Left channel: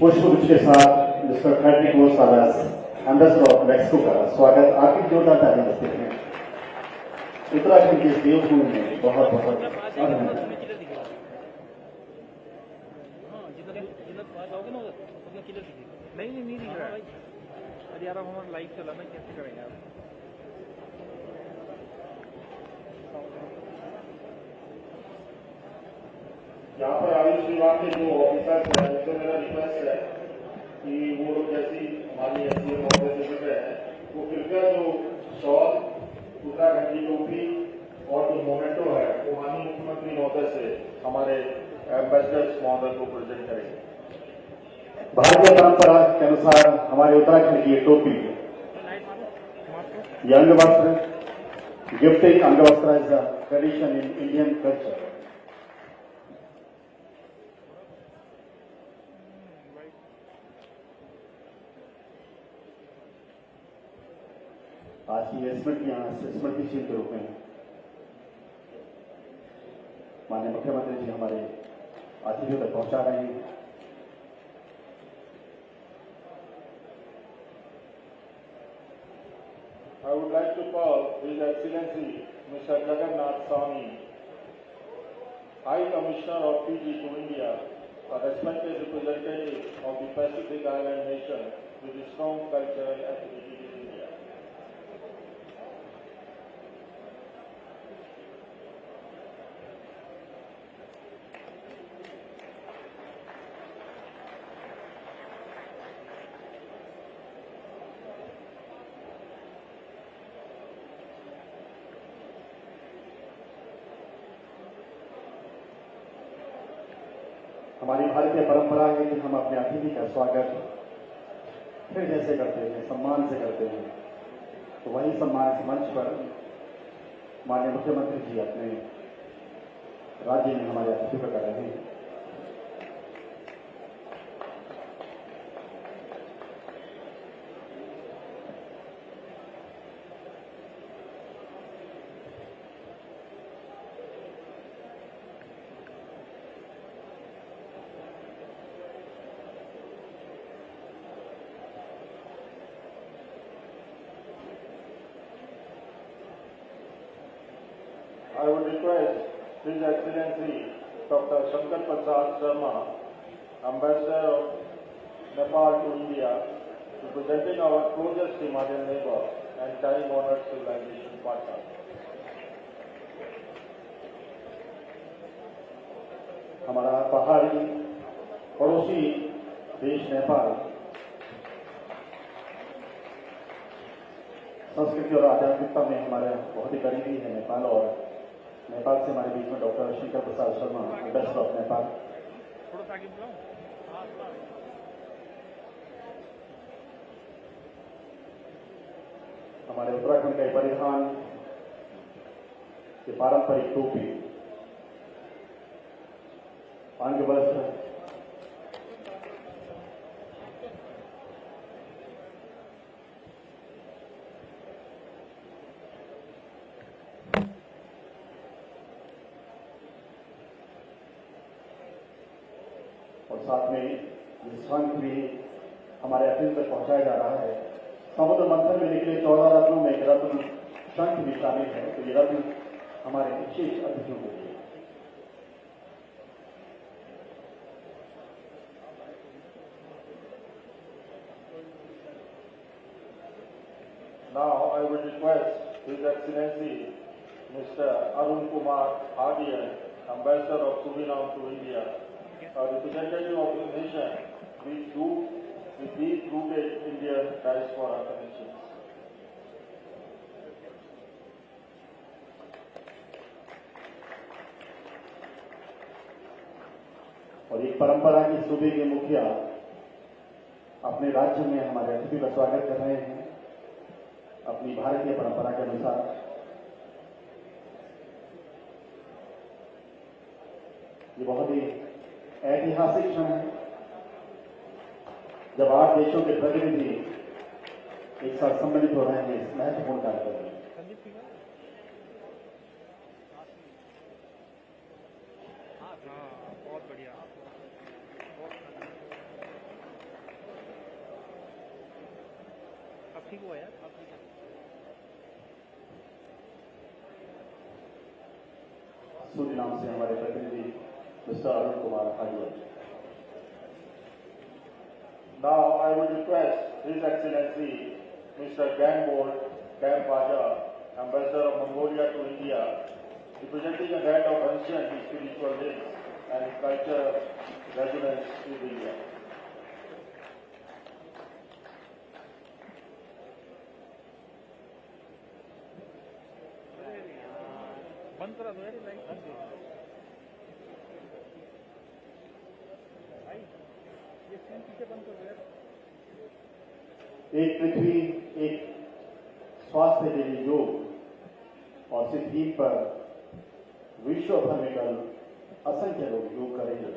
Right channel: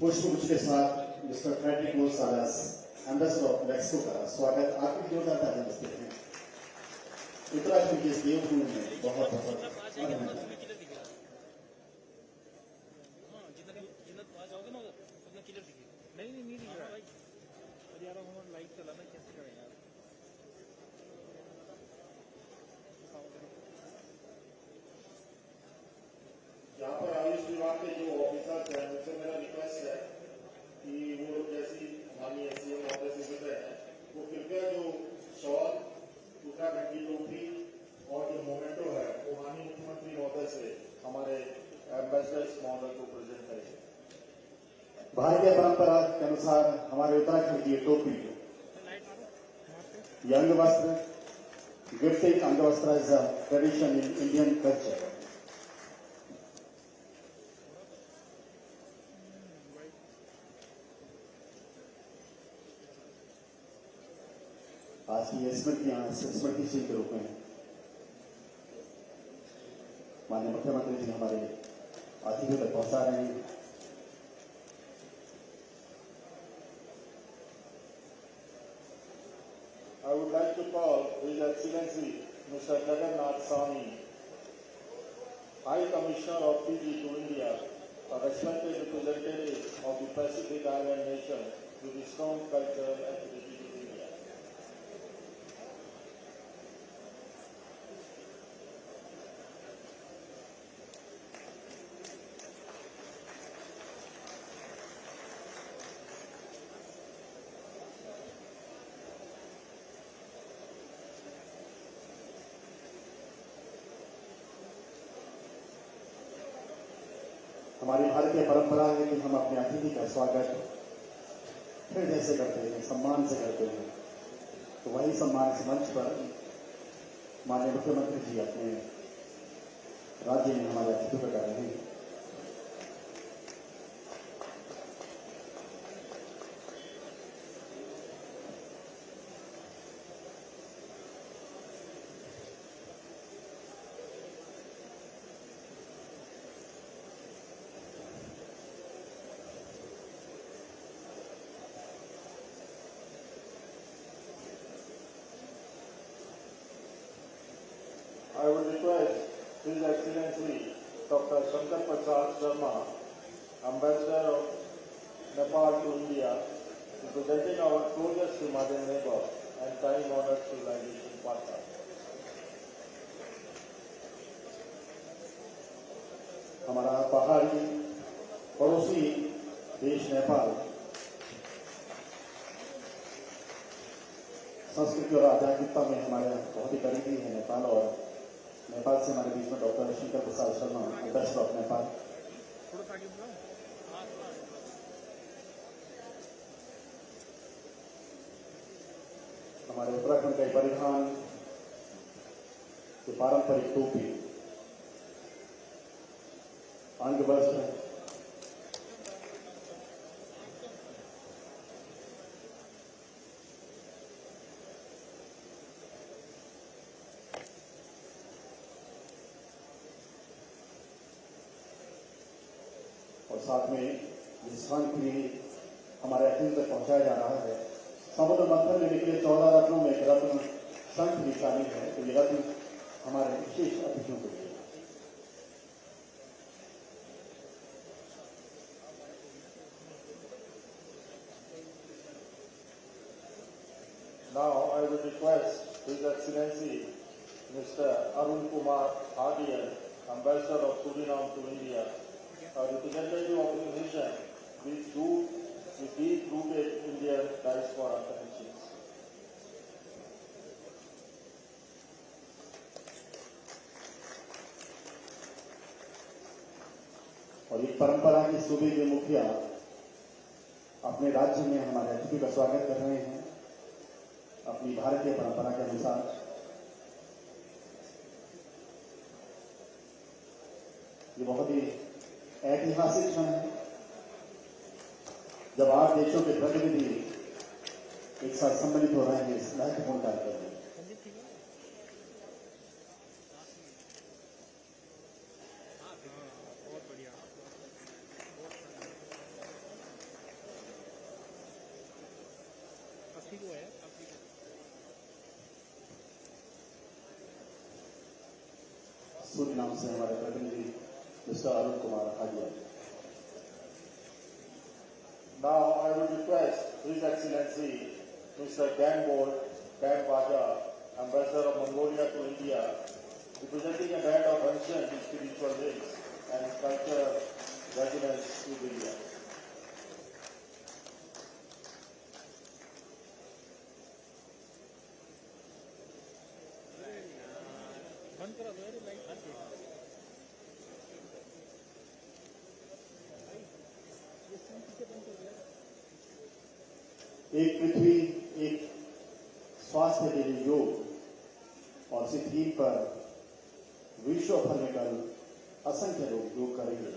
पुष्पगुच्छ के साथ mister Frederick Gosalas ambassador of Mexico का स्वागत आपकी जोरदार तालियां बजती हैं। उत्तराखंड के देवभूमि में बहुत बहुत अभिनंदन। नहीं दिख रहा है। अरे यार अब हमारा लाइव चला ना, कैसे करेंगे आप? यहाँ पर आयुष विभाग के जो ऑफिसर्स हैं उनसे मेरा रिक्वेस्ट है कि वो लोग जैसी हमारी एसडीएम महोदय से जुड़ रहे हैं वो कृपया जो शॉल, उत्तराखंड की टोपी और जो मोमेंटो है वो माननीय मुख्यमंत्री महोदय से हमारे एम्बेसडर्स महोदय को प्रेजेंट करेंगे। भारतीय परंपरा के अनुसार हमारे उत्तराखंड की ये टोपी, ये अंगवस्त्र, gifting angavastra is a tradition in Indian culture. आज की स्मृति चिन्ह के रूप में माननीय मुख्यमंत्री जी हमारे अतिथियों तक पहुंचा रहे हैं। I would like to call His Excellency Mr. Jagannath Swami, High Commissioner of Fiji to India, a respected representative of the Pacific Island nation with a strong cultural affinity to India. हमारी भारतीय परंपरा है कि हम अपने अतिथि का स्वागत फिर जैसे करते हैं, सम्मान से करते हैं, तो वही सम्मान इस मंच पर माननीय मुख्यमंत्री जी अपने राज्य में हमारे अतिथियों को कर रहे हैं। I would request His Excellency Dr. Shankar Prasad Sharma, Ambassador of Nepal to India, representing our closest Himalayan neighbor and time-honored civilization partner. हमारा पहाड़ी पड़ोसी देश नेपाल संस्कृति और आध्यात्मिकता में हमारे बहुत ही करीबी है नेपाल, और नेपाल से हमारे बीच में doctor Shankar Prasad Sharma, ambassador of Nepal. हमारे उत्तराखंड का परिधान के पारंपरिक टोपी, अंगवस्त्र, और साथ में ये शंख भी हमारे अतिथि तक पहुंचाया जा रहा है। समुद्र मंथन में निकले 14 रत्नों में एक रत्न शंख भी शामिल है, तो ये रत्न हमारे विशेष अतिथियों के लिए। Now I would request His Excellency Mr. Arun Kumar Hadian, Ambassador of Suriname to India, a representative of the nation with deep-rooted Indian diaspora connections. और एक परंपरा की सूबे के मुखिया अपने राज्य में हमारे अतिथि का स्वागत कर रहे हैं अपनी भारतीय परंपरा के अनुसार। ये बहुत ही ऐतिहासिक क्षण है जब 8 देशों के प्रतिनिधि एक साथ सम्मिलित हो रहे हैं इस महत्वपूर्ण कार्यक्रम में। ठीक हुआ यार आप सूरीनाम से हमारे प्रतिनिधि mister Arun Kumar Hajiya. Now I would request His Excellency Mr. Ganbol Baja, Ambassador of Mongolia to India, representing a band of ancient spiritual links and cultural resonance with India. बंद करा दो यार ये लाइट बंद ये सीन पीछे बंद कर दो यार। एक पृथ्वी एक स्वास्थ्य के लिए योग और इस थीम पर विश्व भर में कल असंख्य लोग योग करेंगे।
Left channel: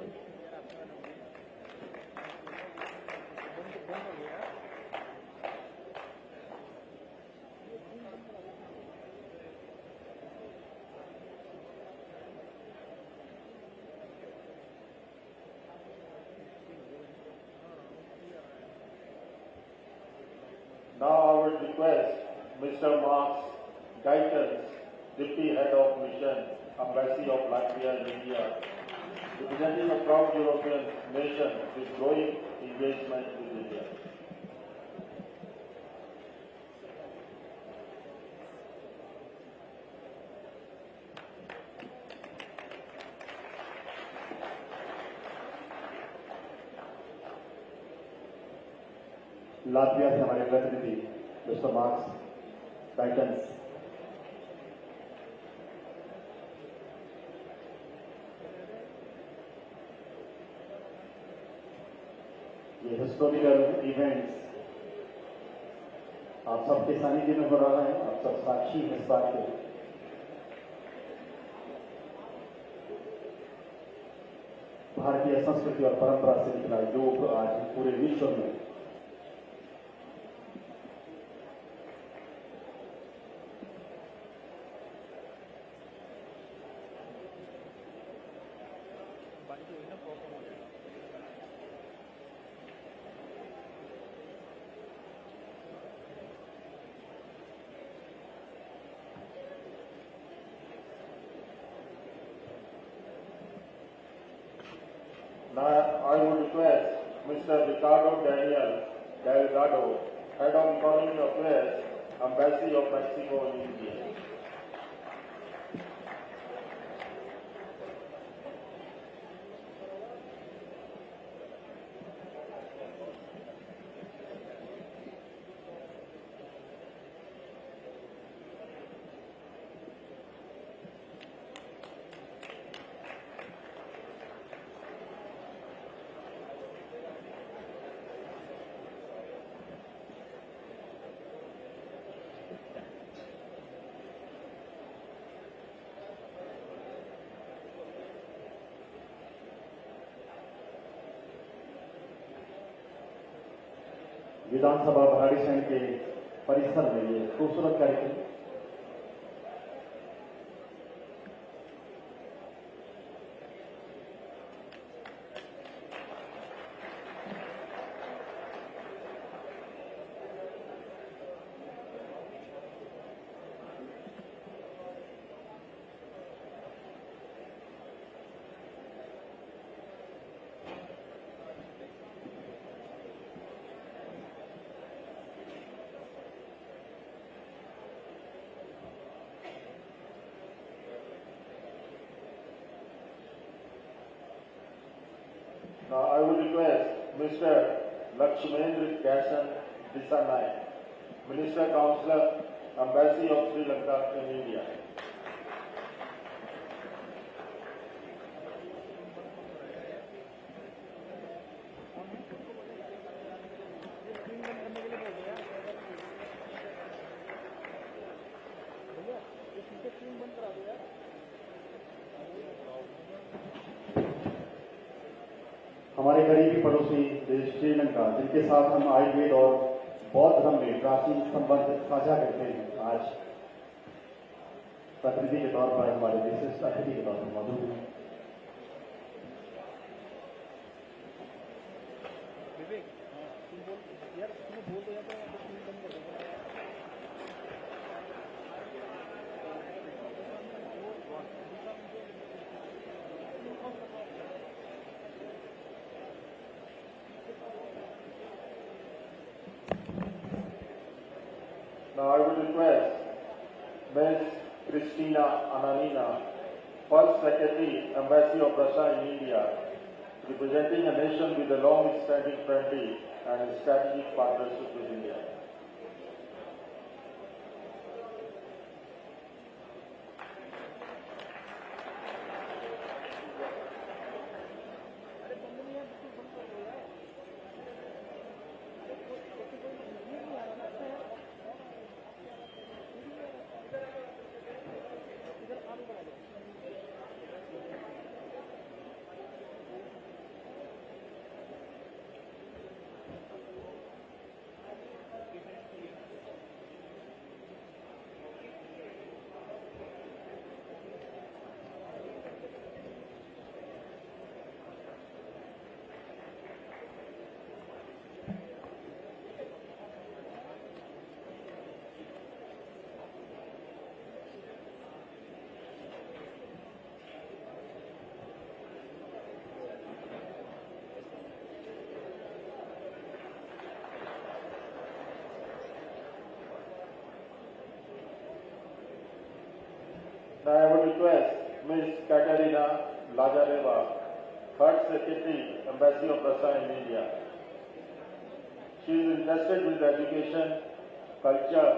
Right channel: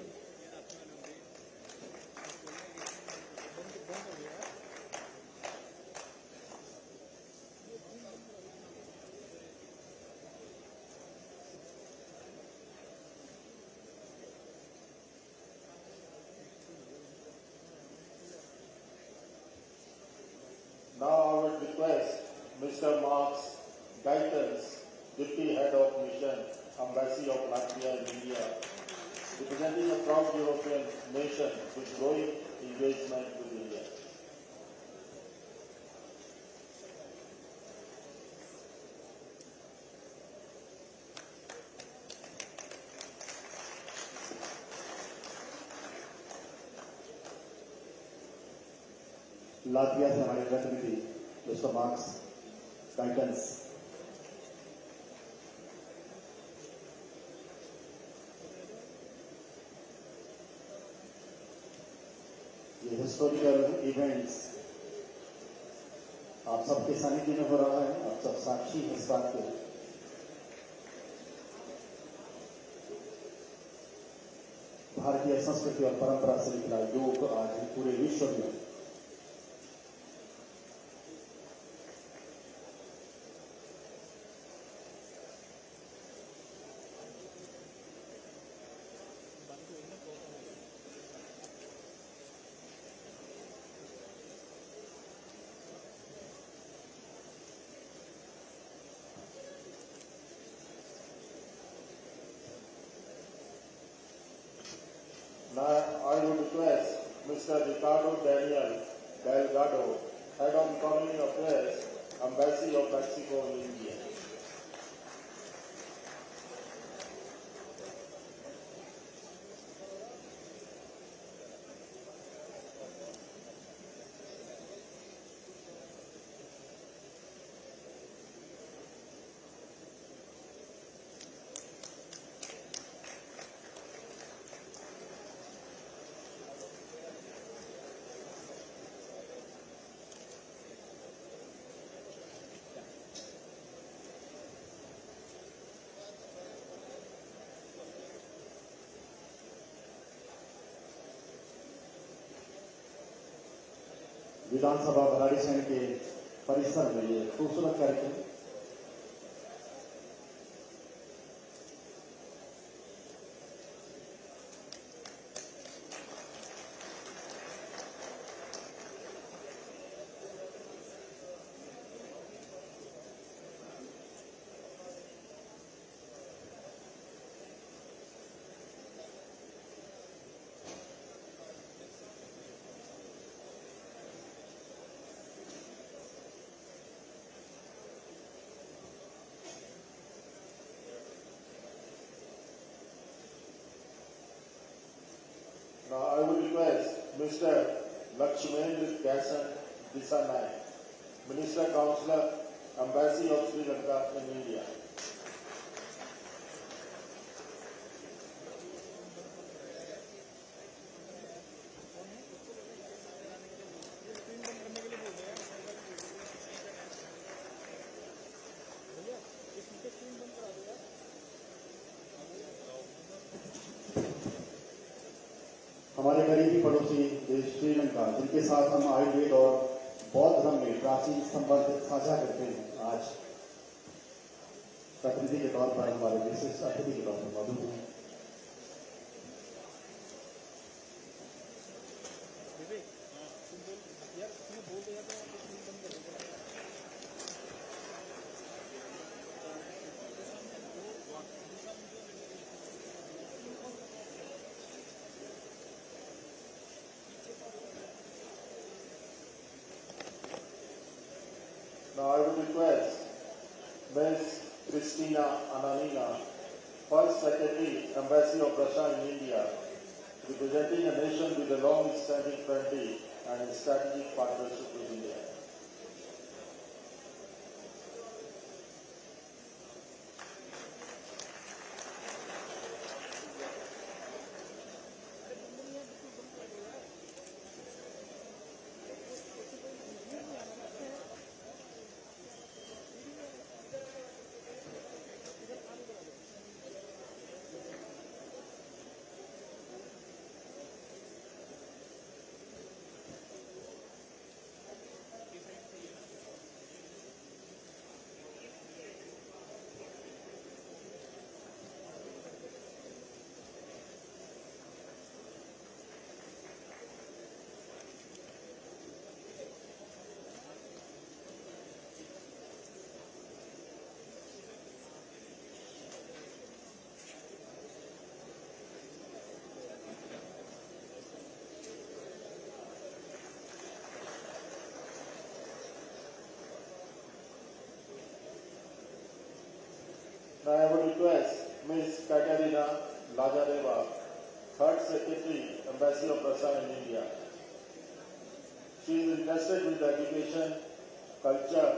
Now I would request Mr. Marks Gaitans, Deputy Head of Mission, Embassy of Latvia in India, representing a proud European nation with growing engagement with India. Latvia से हमारे प्रतिनिधि मिस्टर मार्क्स गाइटेंस। ये हिस्टोरिकल इवेंट्स आप सबके सानिध्य में हो रहा है, आप सब साक्षी हैं इस बात के। भारतीय संस्कृति और परंपरा से निकला योग आज पूरे विश्व में Now I would request Mr. Ricardo Daniel Delgado, Head of Economy Affairs, Embassy of Mexico in India. विधानसभा भराड़ीसैंण के परिसर में ये खूबसूरत कार्यक्रम Now I would request Mr. Lakshmendra Dasan Disanay, Minister Councillor, Embassy of Sri Lanka in India. हमारे करीबी पड़ोसी देश श्रीलंका, जिनके साथ हम आयुर्वेद और बौद्ध धर्म में प्राचीन संबंध साझा करते हैं, आज प्रतिनिधि के तौर पर हमारे विशिष्ट अतिथि के तौर पर मौजूद हैं। विवेक यार तुम्हें बोल दो यार तो स्क्रीन बंद कर दो यार Now I would request Ms. Christina Ananina, First Secretary, Embassy of Russia in India, representing a nation with a long-standing friendly and strategic partnership with India. Now I would request Ms. Katerina Lazareva, Third Secretary, Embassy of Russia in India. She is interested with education, culture,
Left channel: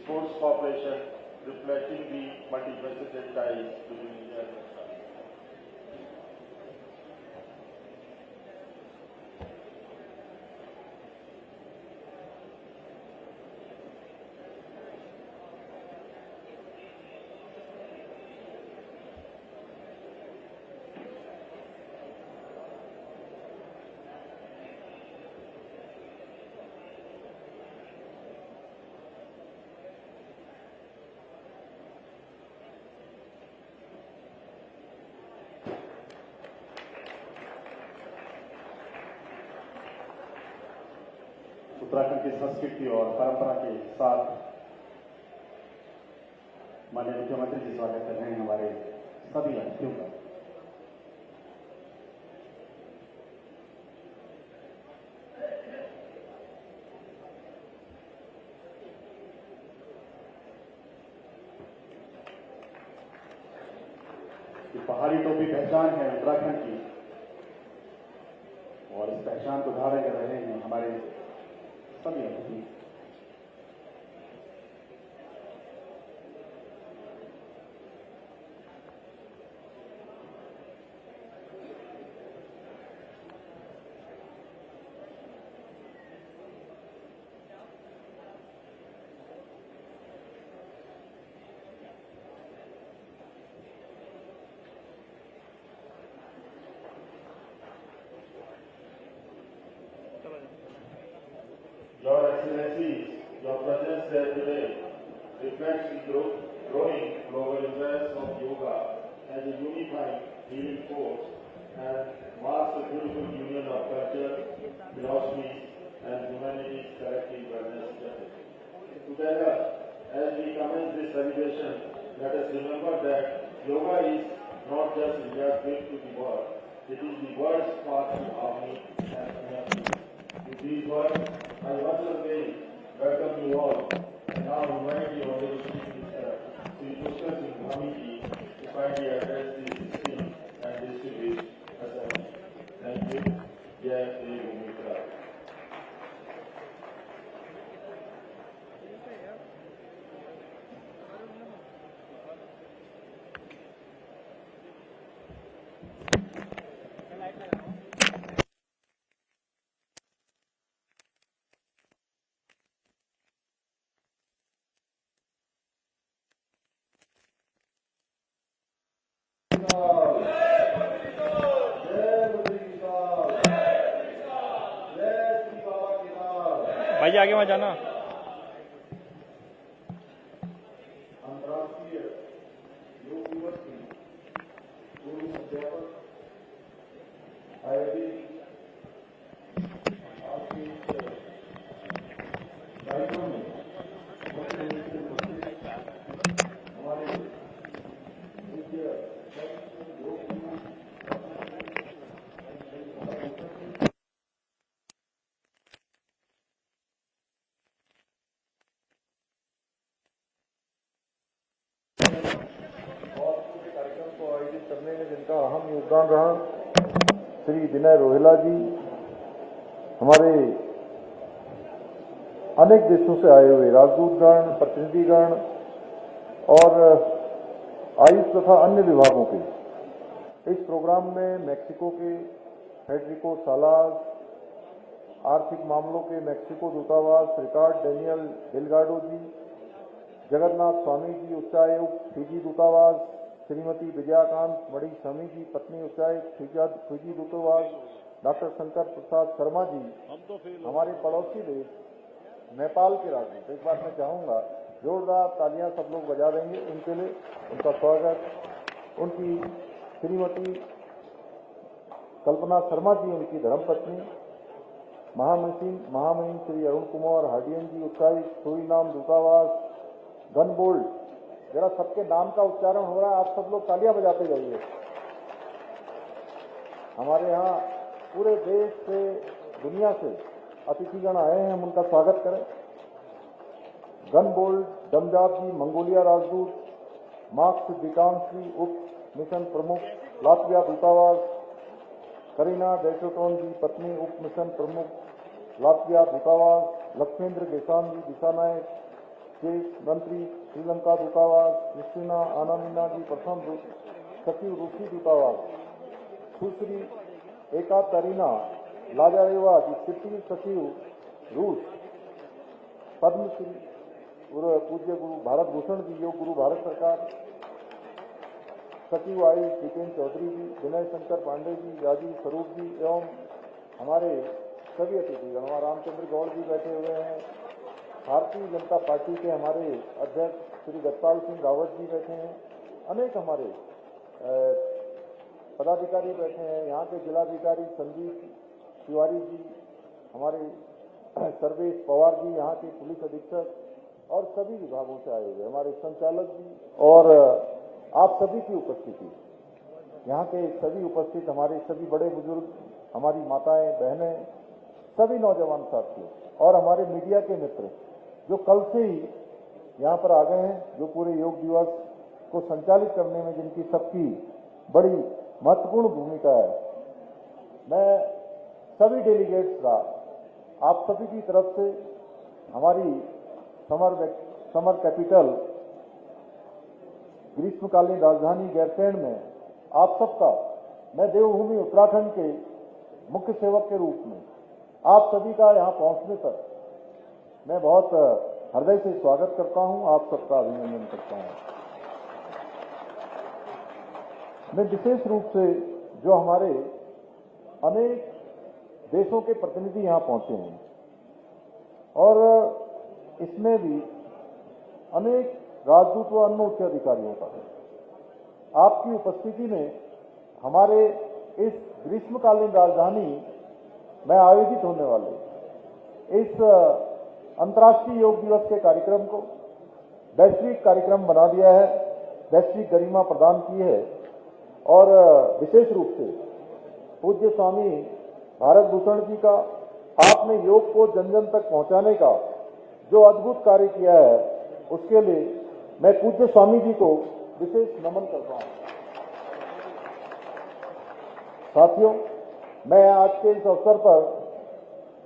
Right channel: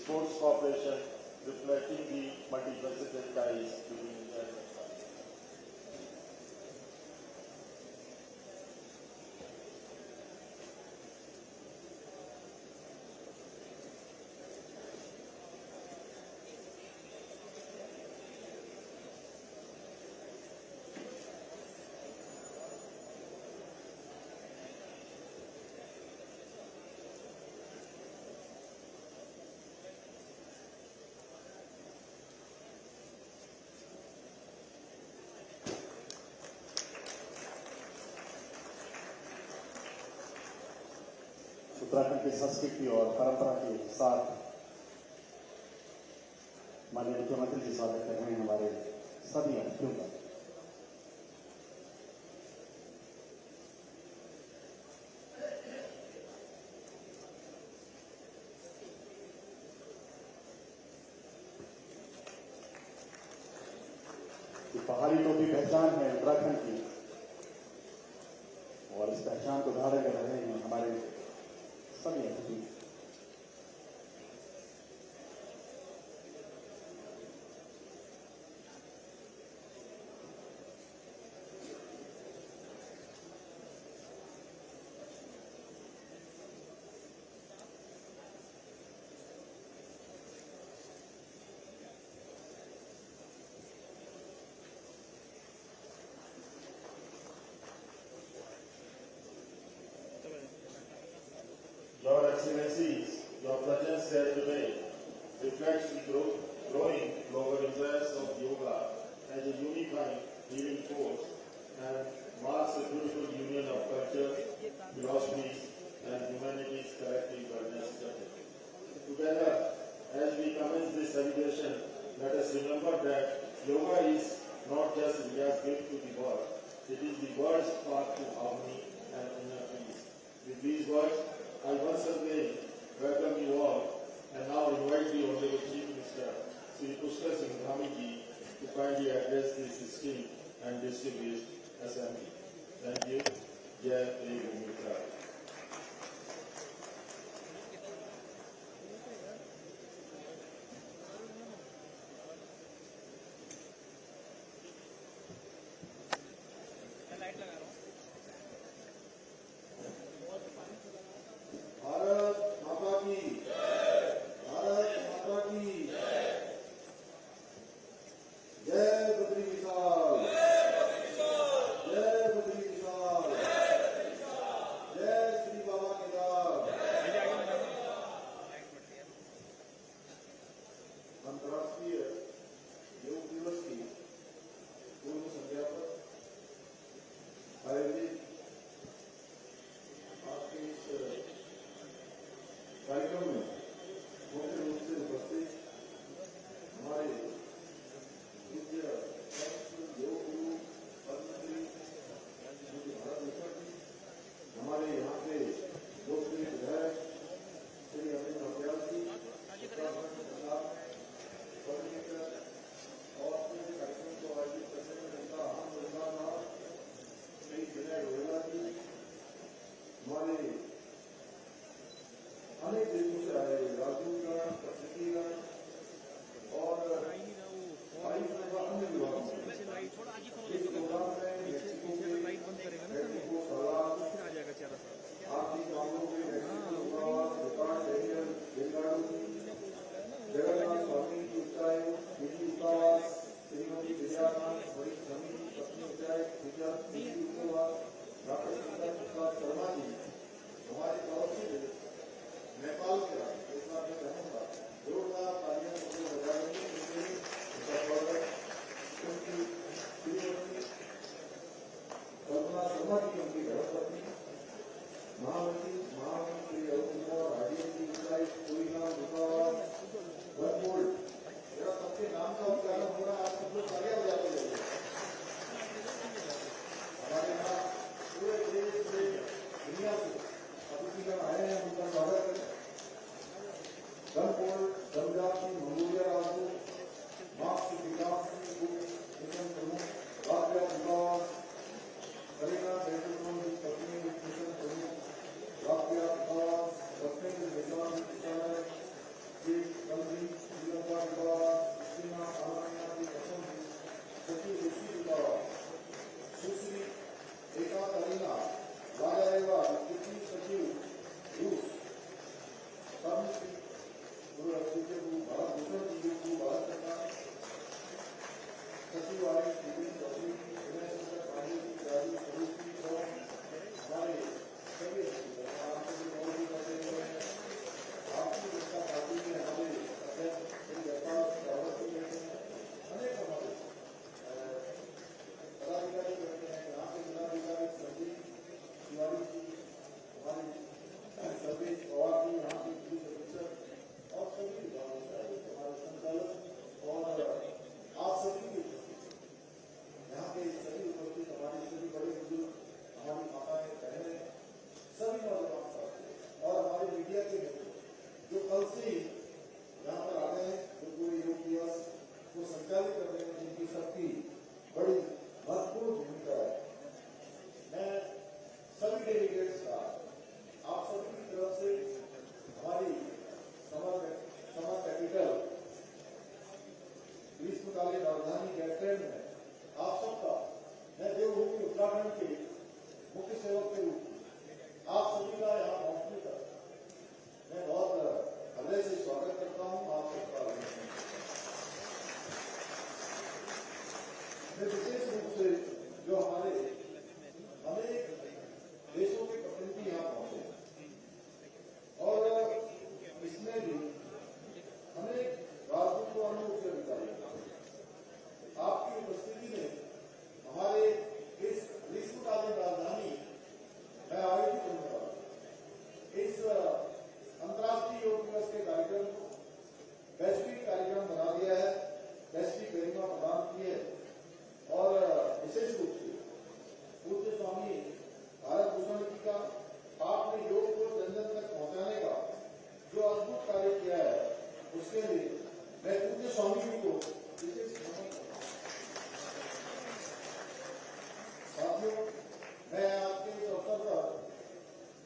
sports cooperation, reflecting the multifaceted ties between India and Russia. Uttarakhand की संस्कृति और परंपरा के साथ माननीय मुख्यमंत्री जी स्वागत कर रहे हैं हमारे सभी अतिथियों का। पहाड़ी टोपी पहचान है उत्तराखंड की और इस पहचान को धारण कर रहे हैं हमारे सभी अतिथि। Your Excellencies, your presence here today reflects the growing global interest of yoga as a unifying healing force and marks a beautiful union of culture, philosophies, and humanity's collective wellness journey. Together, as we commence this celebration, let us remember that yoga is not just India's gift to the world, it is the world's path to harmony and inner peace. With these words, I once again welcome you all and now invite the Honorable Chief Minister, Sri Pushkar Singh Dhami ji, to kindly address this esteemed and distinguished assembly. Thank you. Jai Dev Mitra. भाई आगे मत जाना। अंतर्राष्ट्रीय योग दिवस की पूर्व संध्या पर आयोजित आपके इस योगदान रहा। श्री विनय रोहेला जी, हमारे अनेक देशों से आए हुए राजदूतगण, प्रतिनिधिगण और आयुष तथा अन्य विभागों के इस प्रोग्राम में मैक्सिको के फेडरिको सालास, आर्थिक मामलों के मैक्सिको दूतावास रिकार्ड डेनियल डेलगाडो जी, जगन्नाथ स्वामी जी उच्चायुक्त फिजी दूतावास, श्रीमती विजयाकांत मणि स्वामी जी पत्नी उच्चायुक्त फिजी दूतावास, डॉक्टर शंकर प्रसाद शर्मा जी, हमारे पड़ोसी देश नेपाल के राजदूत। एक बार मैं चाहूँगा जोरदार तालियां सब लोग बजा देंगे उनके लिए, उनका स्वागत। उनकी श्रीमती कल्पना शर्मा जी, उनकी धर्मपत्नी, महामहिम श्री अरुण कुमार हार्डियन जी उच्चायुक्त सूरीनाम दूतावास, गनबोल्ड, जरा सबके नाम का उच्चारण हो रहा है, आप सब लोग तालियां बजाते जाइए। हमारे यहाँ पूरे देश से, दुनिया से अतिथिगण आए हैं, हम उनका स्वागत करें। गनबोल्ड डमजात जी मंगोलिया राजदूत, मार्क्स विकांश जी उप मिशन प्रमुख लातविया दूतावास, करीना बेल्ट्रोटोन जी पत्नी उप मिशन प्रमुख लातविया दूतावास, लक्ष्मेंद्र देसाई जी दिशानायक विदेश मंत्री श्रीलंका दूतावास, क्रिस्टीना आनामिना जी प्रथम सचिव रूसी दूतावास, सुश्री एकातरीना लाजारेवा तृतीय सचिव रूस, पद्मश्री पूज्य गुरु भारत भूषण जी योग गुरु भारत सरकार, सचिव आयुष जितेंद्र चौधरी जी, विनय शंकर पांडे जी, राजीव स्वरूप जी एवं हमारे सभी अतिथिगण, हमारे रामचंद्र गौड़ जी बैठे हुए हैं, भारतीय जनता पार्टी के हमारे अध्यक्ष श्री जगपाल सिंह रावत जी बैठे हैं, अनेक हमारे पदाधिकारी बैठे हैं, यहाँ के जिलाधिकारी संजीव तिवारी जी, हमारे सर्वेश पवार जी, यहाँ के पुलिस अधीक्षक और सभी विभागों से आए हुए हमारे संचालक जी और आप सभी की उपस्थिति, यहाँ के सभी उपस्थित हमारे सभी बड़े बुजुर्ग, हमारी माताएं बहनें, सभी नौजवान साथी और हमारे मीडिया के मित्र जो कल से ही यहाँ पर आ गए हैं, जो पूरे योग दिवस को संचालित करने में जिनकी सबकी बड़ी महत्वपूर्ण भूमिका है। मैं सभी डेलीगेट्स का आप सभी की तरफ से हमारी समर कैपिटल ग्रीष्मकालीन राजधानी गैरसैंण में आप सबका, मैं देवभूमि उत्तराखंड के मुख्य सेवक के रूप में आप सभी का यहाँ पहुंचने पर मैं बहुत हृदय से स्वागत करता हूं, आप सबका अभिनंदन करता हूं। मैं विशेष रूप से जो हमारे अनेक देशों के प्रतिनिधि यहाँ पहुंचे हैं और इसमें भी अनेक राजदूत व अन्य उच्च अधिकारियों का आपकी उपस्थिति ने हमारे इस ग्रीष्मकालीन राजधानी में आयोजित होने वाले इस अंतर्राष्ट्रीय योग दिवस के कार्यक्रम को वैश्विक कार्यक्रम बना दिया है, वैश्विक गरिमा प्रदान की है और विशेष रूप से पूज्य स्वामी भारत भूषण जी का आपने योग को जन जन तक पहुंचाने का जो अद्भुत कार्य किया है, उसके लिए मैं पूज्य स्वामी जी को विशेष नमन करता हूं। साथियों, मैं आज के इस अवसर पर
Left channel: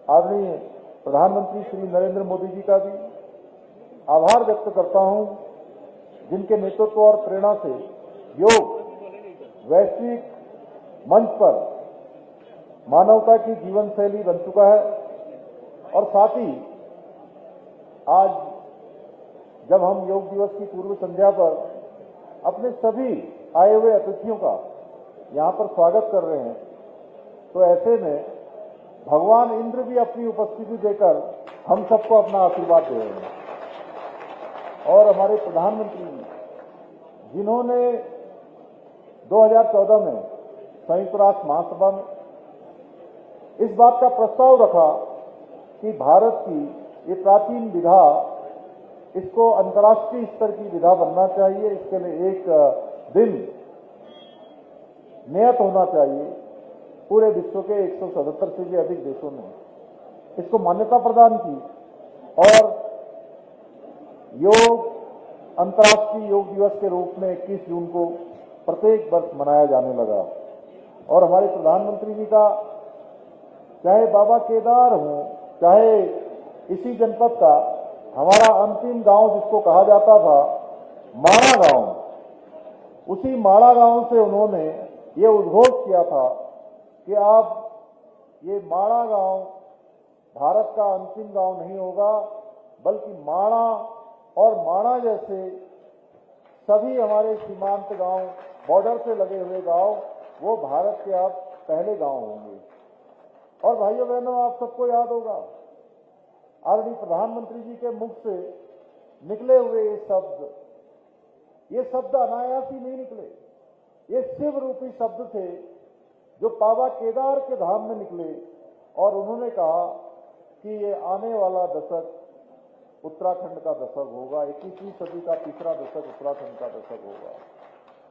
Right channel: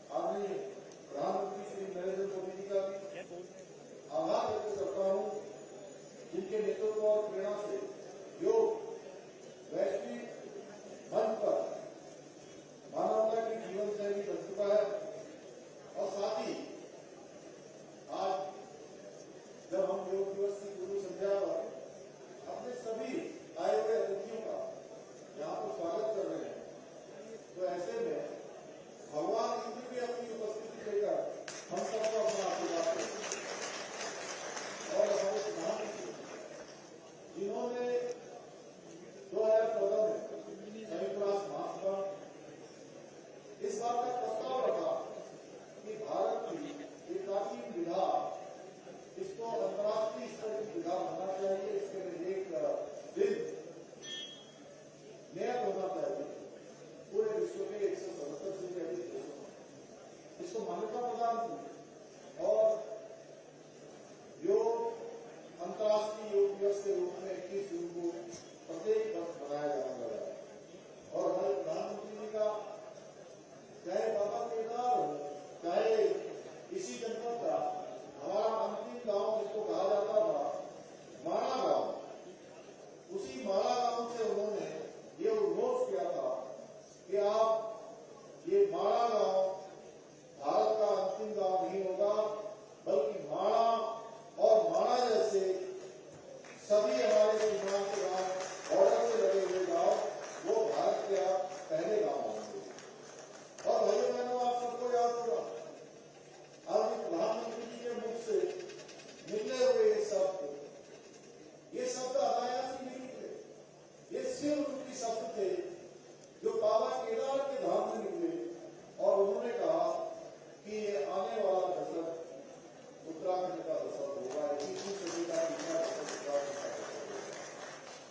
आदरणीय प्रधानमंत्री श्री नरेंद्र मोदी जी का भी आभार व्यक्त करता हूं, जिनके नेतृत्व और प्रेरणा से योग वैश्विक मंच पर मानवता की जीवन शैली बन चुका है और साथ ही आज जब हम योग दिवस की पूर्व संध्या पर अपने सभी आए हुए अतिथियों का यहाँ पर स्वागत कर रहे हैं, तो ऐसे में भगवान इंद्र भी अपनी उपस्थिति देकर हम सबको अपना आशीर्वाद दे रहे हैं। और हमारे प्रधानमंत्री जी, जिन्होंने 2014 में संयुक्त राष्ट्र महासभा में इस बात का प्रस्ताव रखा कि भारत की ये प्राचीन विधा, इसको अंतर्राष्ट्रीय स्तर की विधा बनना चाहिए, इसके लिए एक दिन नियत होना चाहिए। पूरे विश्व के 177 से भी अधिक देशों ने इसको मान्यता प्रदान की और योग अंतर्राष्ट्रीय योग दिवस के रूप में 21 जून को प्रत्येक वर्ष मनाया जाने लगा। और हमारे प्रधानमंत्री जी का, चाहे बाबा केदार हो, चाहे इसी जनपद का हमारा अंतिम गांव जिसको कहा जाता था माणा गांव, उसी माणा गांव से उन्होंने ये उद्घोष किया था कि आप ये माणा गांव भारत का अंतिम गांव नहीं होगा, बल्कि माणा और माणा जैसे सभी हमारे सीमांत गांव, बॉर्डर से लगे हुए गांव, वो भारत के अब पहले गांव होंगे। और भाइयों बहनों, आप सबको याद होगा आदरणीय प्रधानमंत्री जी के मुख से निकले हुए ये शब्द अनायास ही नहीं निकले। ये शिव रूपी शब्द थे जो बाबा केदार के धाम में निकले और उन्होंने कहा कि ये आने वाला दशक उत्तराखंड का दशक होगा, 21वीं सदी का तीसरा दशक उत्तराखंड का दशक होगा।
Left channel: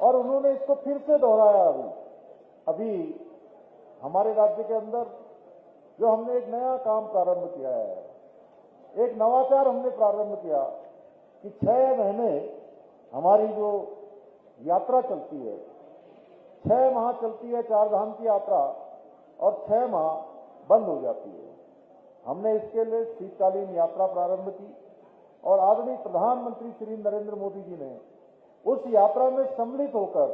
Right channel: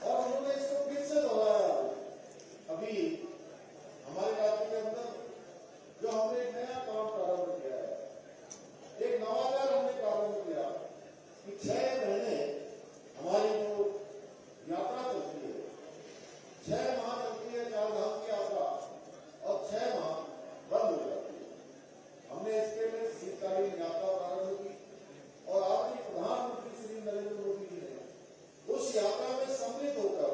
और उन्होंने इसको फिर से दोहराया। अभी हमारे राज्य के अंदर जो हमने एक नया काम प्रारंभ किया है, एक नवाचार हमने प्रारंभ किया कि 6 महीने हमारी जो यात्रा चलती है, 6 माह चलती है 4 धाम की यात्रा और 6 माह बंद हो जाती है। हमने इसके लिए शीतकालीन यात्रा प्रारंभ की और आदरणीय प्रधानमंत्री श्री नरेंद्र मोदी जी ने उस यात्रा में सम्मिलित होकर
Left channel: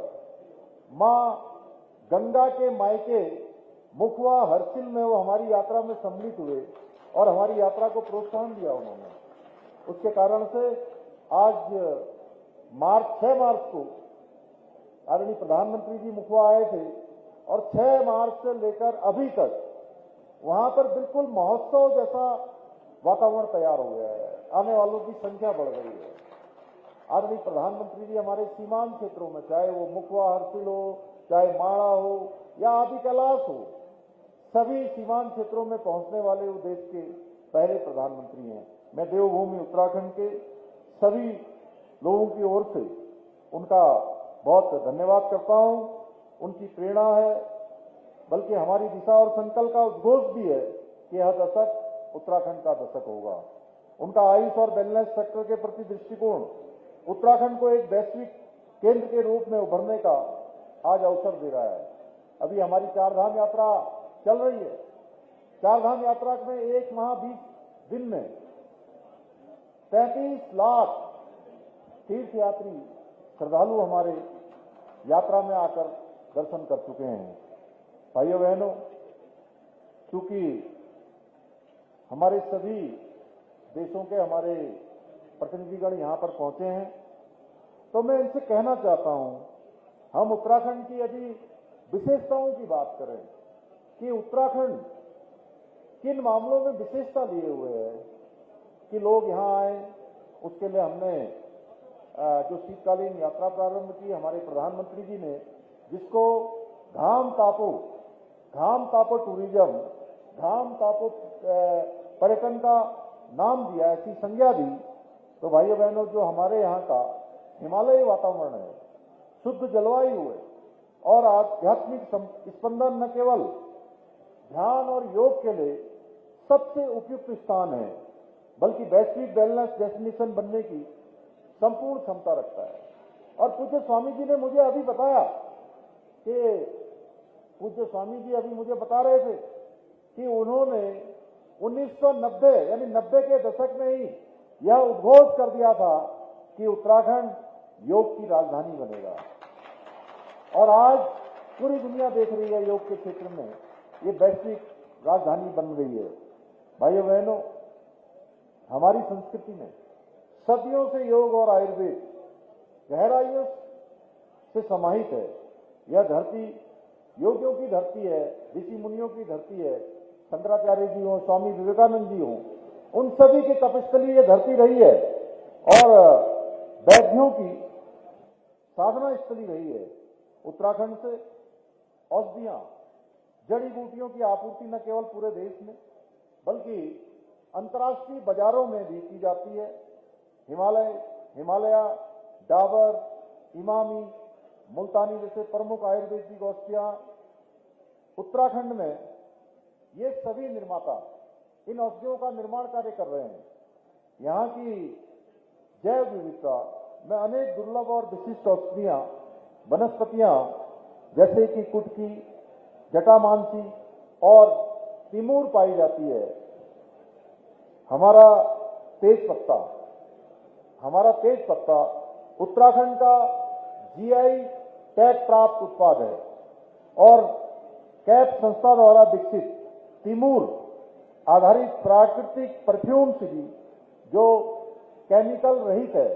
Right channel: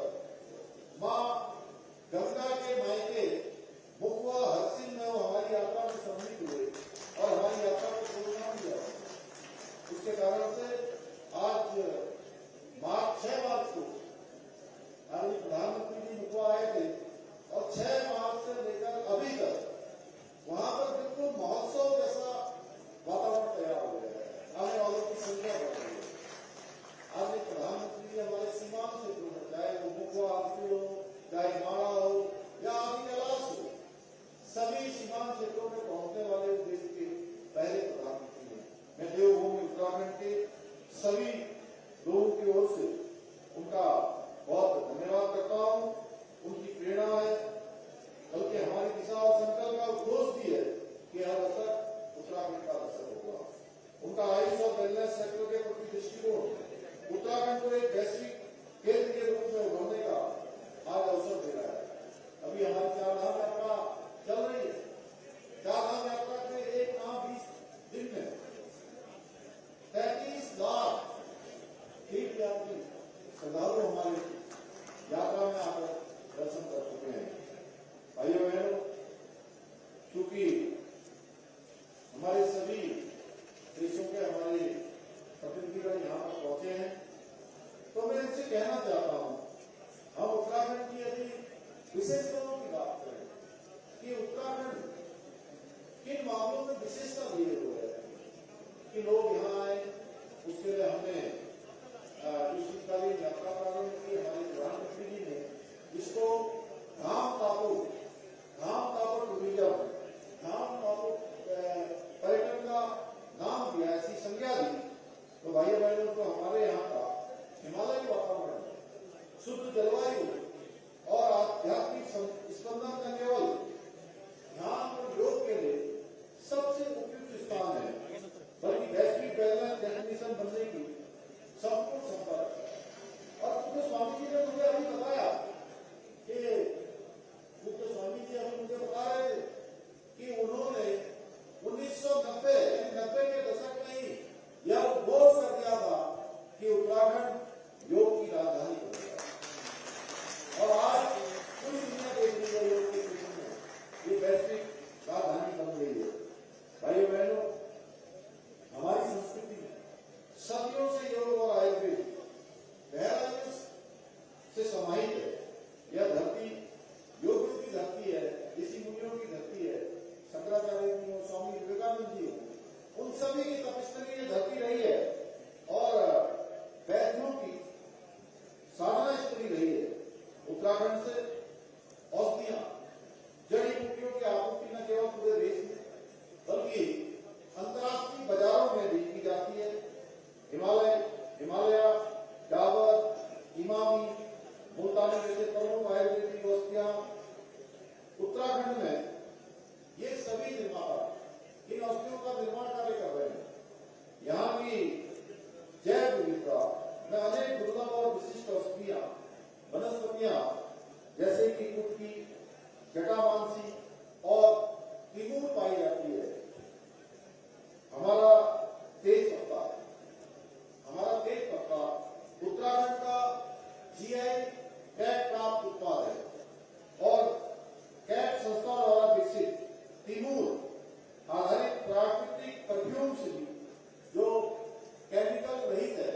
मां गंगा के मायके मुखवा हरसिल में वो हमारी यात्रा में सम्मिलित हुए और हमारी यात्रा को प्रोत्साहन दिया उन्होंने। उसके कारण से आज 6 मार्च को आदरणीय प्रधानमंत्री जी मुखवा आए थे और 6 मार्च से लेकर अभी तक वहां पर बिल्कुल महोत्सव जैसा वातावरण तैयार हो गया है। आने वालों की संख्या बढ़ गई है। आदरणीय प्रधानमंत्री जी हमारे सीमांत क्षेत्रों में, चाहे वो मुखवा हरसिल हो, चाहे माणा हो या आदि कैलाश हो, सभी सीमांत क्षेत्रों में पहुंचने वाले वो देश के पहले प्रधानमंत्री हैं। मैं देवभूमि उत्तराखंड के सभी लोगों की ओर से उनका बहुत धन्यवाद करता हूं। उनकी प्रेरणा है, बल्कि हमारी दिशा और संकल्प का उद्घोष भी है कि यह दशक उत्तराखंड का दशक होगा। उनका आयुष और वेलनेस सेक्टर के प्रति दृष्टिकोण उत्तराखंड को एक वैश्विक केंद्र के रूप में उभरने का आज अवसर दे रहा है। अभी हमारी 4 धाम यात्रा चल रही है। 4 धाम यात्रा में 1 माह 20 दिन में 33 लाख तीर्थ यात्री श्रद्धालु हमारे यात्रा में आकर दर्शन कर चुके हैं। भाइयों बहनों, चूंकि हमारे सभी देशों के हमारे प्रतिनिधिगण यहाँ पर पहुंचे हैं, तो मैं इनसे कहना चाहता हूं, हम उत्तराखंड की यदि विशेषताओं की बात करें कि उत्तराखंड किन मामलों में विशेषता लिए हुए है कि लोग यहाँ आए, उसके लिए हमने जो शीतकालीन यात्रा प्रारंभ की, हमारे प्रधानमंत्री जी ने जिसको धाम तापो टूरिज्म, धाम तापो पर्यटन का नाम दिया, ऐसी संज्ञा दी। तो भाइयों बहनों, जो हमारे यहाँ का हिमालयी वातावरण है, शुद्ध जलवायु और आध्यात्मिक स्पंदन न केवल ध्यान और योग के लिए सबसे उपयुक्त स्थान है, बल्कि वैश्विक वेलनेस डेस्टिनेशन बनने की संपूर्ण क्षमता रखता है। और पूज्य स्वामी जी ने मुझे अभी बताया कि पूज्य स्वामी जी अभी मुझे बता रहे थे कि उन्होंने 1990 यानी 90 के दशक में ही यह उद्घोष कर दिया था कि उत्तराखंड योग की राजधानी बनेगा। और आज पूरी दुनिया देख रही है योग के क्षेत्र में ये वैश्विक राजधानी बन गई है। भाइयों बहनों, हमारी संस्कृति में सदियों से योग और आयुर्वेद गहराइयों से समाहित है। यह धरती योगियों की धरती है, ऋषि मुनियों की धरती है। शंकराचार्य जी हो, स्वामी विवेकानंद जी हो, उन सभी की तपस्थली ये धरती रही है और वैद्यों की साधना स्थली रही है। उत्तराखंड से औषधियां, जड़ी बूटियों की आपूर्ति न केवल पूरे देश में बल्कि अंतर्राष्ट्रीय बाजारों में भी की जाती है। हिमालया, डाबर, इमामी, मुल्तानी जैसे प्रमुख आयुर्वेदिक औषधियां उत्तराखंड में ये सभी निर्माता इन औषधियों का निर्माण कार्य कर रहे हैं। यहाँ की जैव विविधता में अनेक दुर्लभ और विशिष्ट औषधियां, वनस्पतियां जैसे कि कुटकी, जटामांसी और तिमूर पाई जाती है। हमारा तेज पत्ता उत्तराखंड का जीआई टैग प्राप्त उत्पाद है और कैप संस्था द्वारा विकसित तिमूर आधारित प्राकृतिक परफ्यूम से भी जो केमिकल रहित है,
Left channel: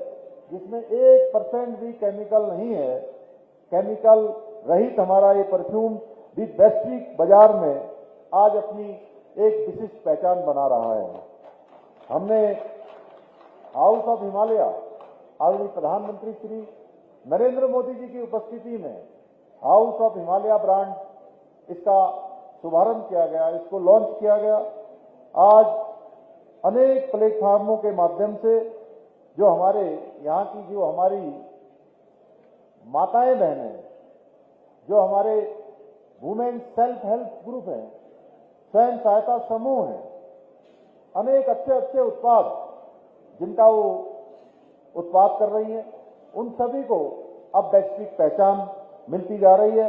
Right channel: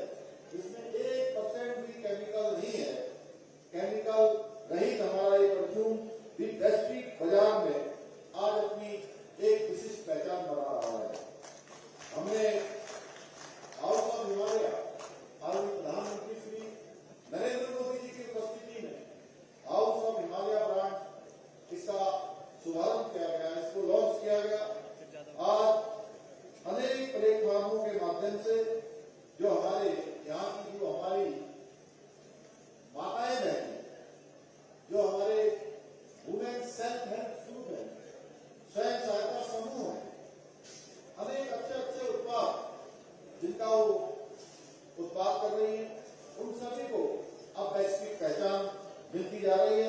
जिसमें 1% भी केमिकल नहीं है, केमिकल रहित हमारा ये परफ्यूम भी वैश्विक बाजार में आज अपनी एक विशिष्ट पहचान बना रहा है। हमने हाउस ऑफ हिमालय आदरणीय प्रधानमंत्री श्री नरेंद्र मोदी जी की उपस्थिति में हाउस ऑफ हिमालय ब्रांड इसका शुभारंभ किया गया, इसको लॉन्च किया गया। आज अनेक प्लेटफार्मों के माध्यम से जो हमारे यहाँ की जो हमारी माताएं बहनें, जो हमारे वुमेन सेल्फ हेल्प ग्रुप हैं, स्वयं सहायता समूह हैं, अनेक अच्छे उत्पाद जिनका वो उत्पाद कर रही है, उन सभी को अब वैश्विक पहचान मिलती जा रही है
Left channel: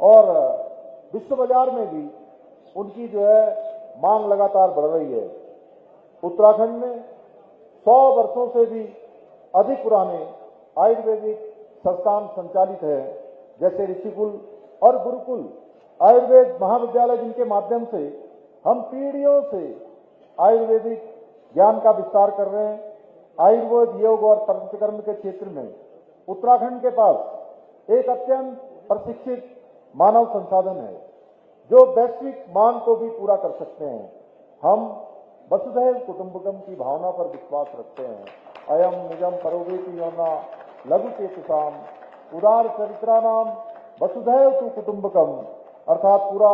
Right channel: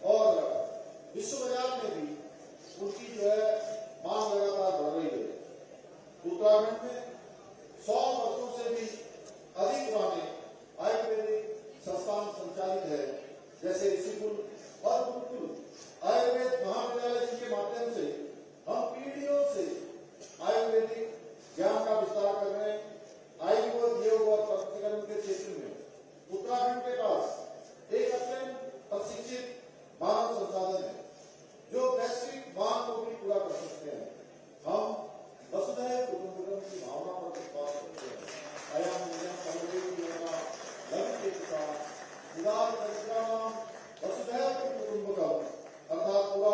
और विश्व बाजार में भी उनकी जो है मांग लगातार बढ़ रही है। उत्तराखंड में 100 वर्षों से भी अधिक पुराने आयुर्वेदिक संस्थान संचालित है, जैसे ऋषिकुल और गुरुकुल आयुर्वेद महाविद्यालय, जिनके माध्यम से हम पीढ़ियों से आयुर्वेदिक ज्ञान का विस्तार कर रहे हैं। आयुर्वेद, योग और पंचकर्म के क्षेत्र में उत्तराखंड के पास एक अत्यंत प्रशिक्षित मानव संसाधन है जो वैश्विक मांग को भी पूरा कर सकते हैं। हम वसुधैव कुटुंबकम की भावना पर विश्वास रखते हैं। अयम निजम परोवेति योना लघु चेतसाम उदार चरित्रानाम वसुधैव तु कुटुंबकम, अर्थात पूरा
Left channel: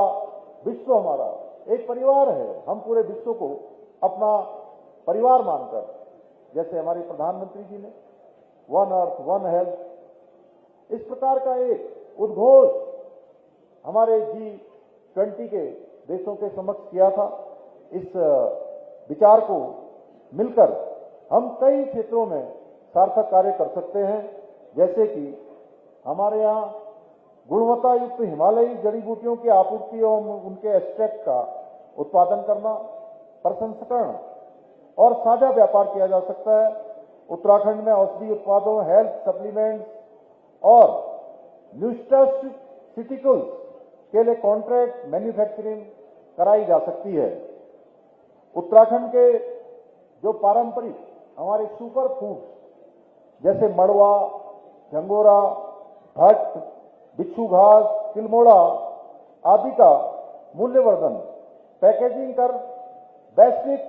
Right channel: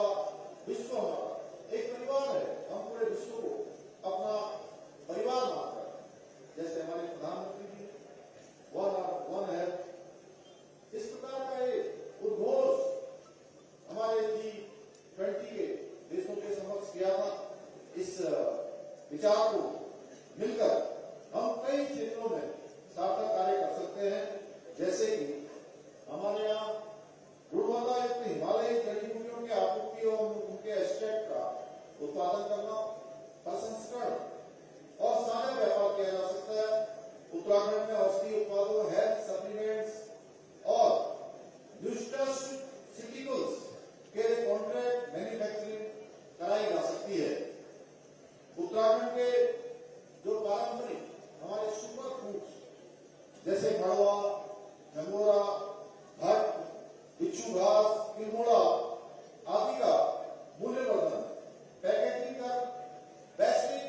विश्व हमारा एक परिवार है। हम पूरे विश्व को अपना परिवार मानकर, जैसे हमारे प्रधानमंत्री जी ने वन अर्थ वन हेल्थ, इस प्रकार का एक उद्घोष हमारे G20 के देशों के समक्ष किया था। इस विचार को मिलकर हम कई क्षेत्रों में सार्थक कार्य कर सकते हैं, जैसे कि हमारे यहाँ गुणवत्ता युक्त हिमालयी जड़ी बूटियों की आपूर्ति एवं उनके एक्सट्रैक्ट का उत्पादन करना, प्रसंस्करण और साझा व्यापार किया जा सकता है। उत्तराखंड में औषधि उत्पादों, हेल्थ सप्लीमेंट्स और न्यूट्रास्यूटिकल्स के लिए कॉन्ट्रैक्ट मैन्युफैक्चरिंग कराई जा सकती है। उत्तराखंड के जो पारंपरिक हमारे सुपर फूड्स जैसे मड़वा, झंगोरा, भट्ट, बिच्छू घास, तिलमोड़ा आदि का मूल्यवर्धन, पैकेजिंग कर वैश्विक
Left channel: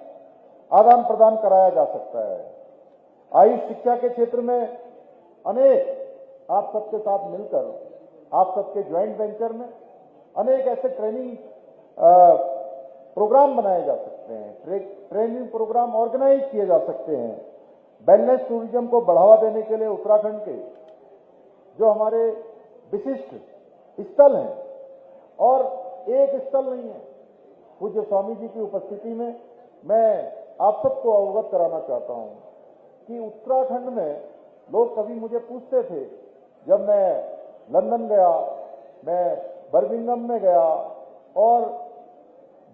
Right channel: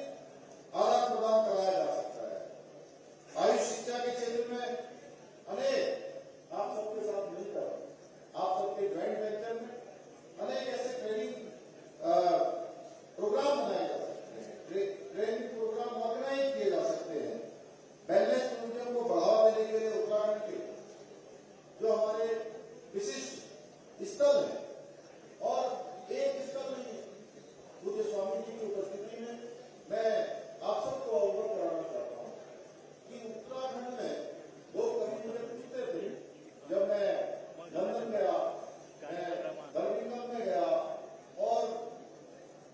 आदान प्रदान कराया जा सकता है। आयुष शिक्षा के क्षेत्र में अनेक आप सबके साथ मिलकर, आप सबके ज्वाइंट वेंचर में अनेक ऐसे ट्रेनिंग प्रोग्राम बनाए जा सकते हैं, ट्रेनिंग प्रोग्राम ऑर्गेनाइज किए जा सकते हैं। वेलनेस टूरिज्म को बढ़ावा देने के लिए उत्तराखंड के जो हमारे विशिष्ट स्थल हैं, और एक स्थल नहीं है, पूज्य स्वामी जी की उपस्थिति में मैं आप सबको अवगत कराना चाहता हूं कि उत्तराखंड में लोग कभी मुझे पूछते थे, जब मैं लंदन गया, मैं बर्मिंघम में गया और